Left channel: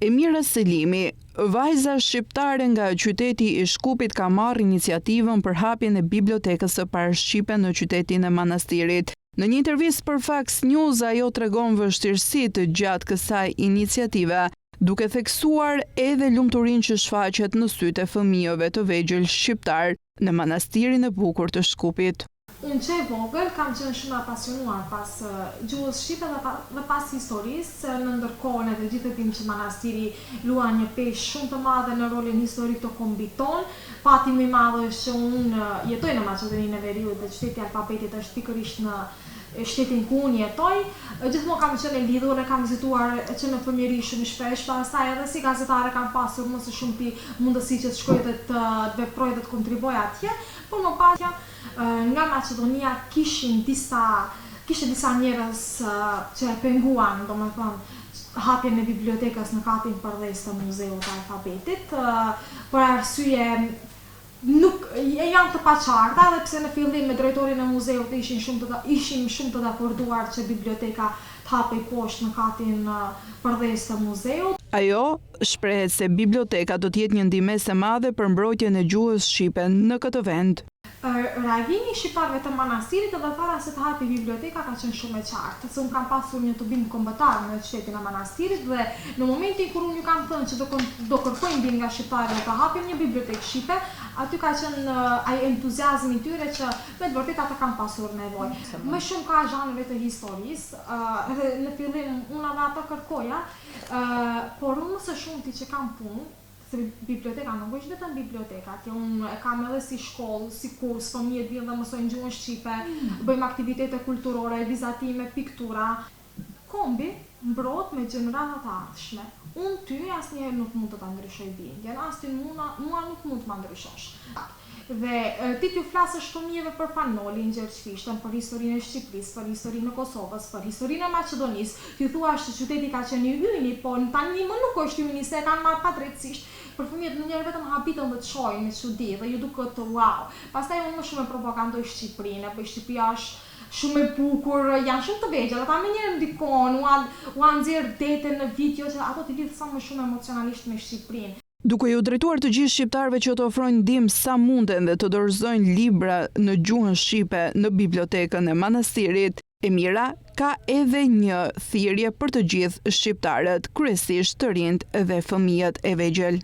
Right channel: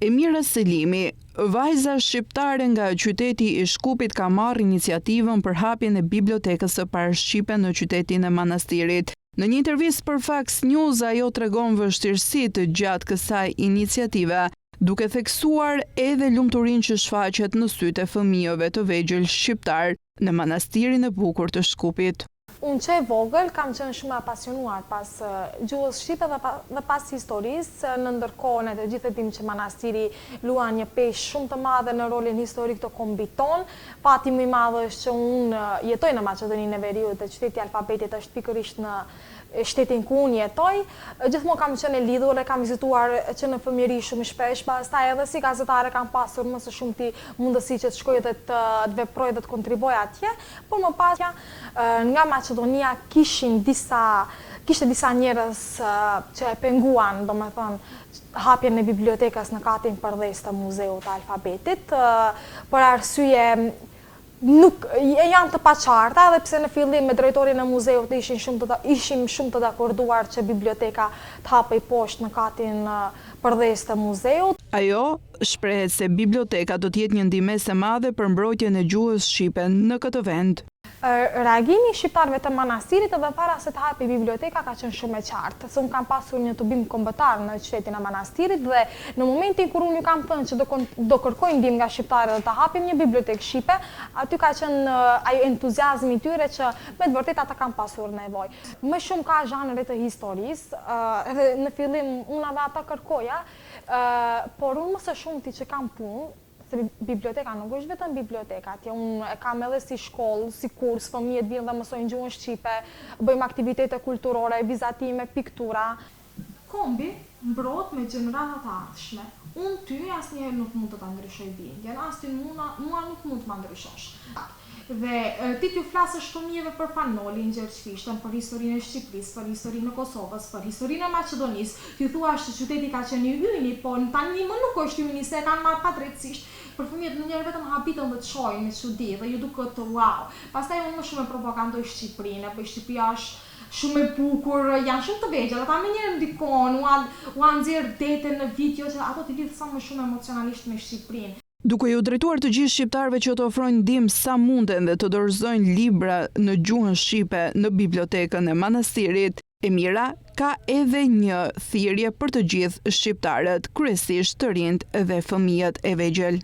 Emira Selimi, vajza shqiptare nga qyteti i Shkupit ka marrë iniciativën për hapjen e bibliotekës së parë shqipe në qytetin e Manastirit. Në një intervistë për Fox News, ajo tregon vështirësitë gjatë kësaj iniciative, duke theksuar edhe lumturinë që shfaqet në sytë e fëmijëve të vegjël shqiptar në Manastirin e bukur të Shkupit. Unë që e vogël kam qenë shumë apasionuar pas gjuhës shqipe dhe pas historisë, në ndërkohën e të gjithë dim që Manastiri luan një peshë shumë të madhe në rolin historik të kombit ton. Pati më i madhe është që unë jetoj në Maqedoninë e Veriut dhe qyteti Alfabetit është pikërisht në shtetin ku unë jetoj. Gjithmonë kam qenë e lidhur e kam vizituar që në fëmijëri shumë shpesh, pastaj edhe si gazetare kam pasur më së shumti mundësi që të shkoj dhe të veproj dhe të kontribuoj atje, por më pas nga Maqedonia kishte disa njerëz që e penguan, domethënë hapjen e bibliotekës në katin përdhes të Muzeut të Alfabetit, për arsye nuk janë të paqarta, edhe pse në fillim me drejtorin e muzeut ishim shumë të dakorduar që biblioteka të hapej poshtë në katin përdhes të muzeut. Ajo shprehet se biblioteka do të jetë një ndihmës e madhe për mbrojtjen e gjuhës shqipe në këtë vend. Reagimi shqiptarëve të Manastirit edhe para se të hapi biblioteka ka qenë shumë e qartë. Se unë kam pasur një tubim kombëtar në qytetin e Manastirit dhe në momentin kur unë ju kam thënë që do kërkojnë ndihmë nga shqiptarët të hapim një bibliotekë shqipe, aty ka qenë ai entuziazmi i tyre që me të vërtetë ata kanë pasur nevojë. Më shumë ka zhanre të historisë, edhe në fillim unë ata kërkoja, por unë më së shumti që kam punë, se biblioteka nuk është vetëm biblioteka, atje unë e kam edhe si shkollë, si kurs, fëmijët vinë dhe mësojnë gjuhën shqipe, bëjmë aktivitete kulturore, vizatime, piktura. Kombi mbrohet me gjenerata të ardhshme. Unë ty asnjëherë nuk mund të ta ndryshoj bindjen, as ti mua nuk mund të ma ndryshosh. Dhe ti t'ju flasësh fëmijëve për Fanolin, Gjergjfishtën, për historinë e Shqipërisë, për historinë e Kosovës, për historinë e Maqedonisë, ti thuash që qyteti ka qenë i hyjni, po tani më nuk është hyjni, se kanë marrë padrejtësisht. Për fëmijët në njerë vetëm habitën dhe të shojnë me çudi dhe ju duket wow. Pastaj unë më shumë e propagandoj Shqipërinë, po Shqipëria është shumë e bukur, janë shumë të vegjël, ata më njerë ndikon, u nxjerr dete në video që ato t'i lidh sa më shumë emocionalisht me Shqipërinë. Duke ju drejtuar të gjithë shqiptarëve që të ofrojnë ndihmë sa munden dhe të dorëzojnë libra në gjuhën shqipe në bibliotekën e Manastirit, Emira ka edhe një thirrje për të gjithë shqiptarët, kryesisht të rinjt dhe fëmijët e vegjël.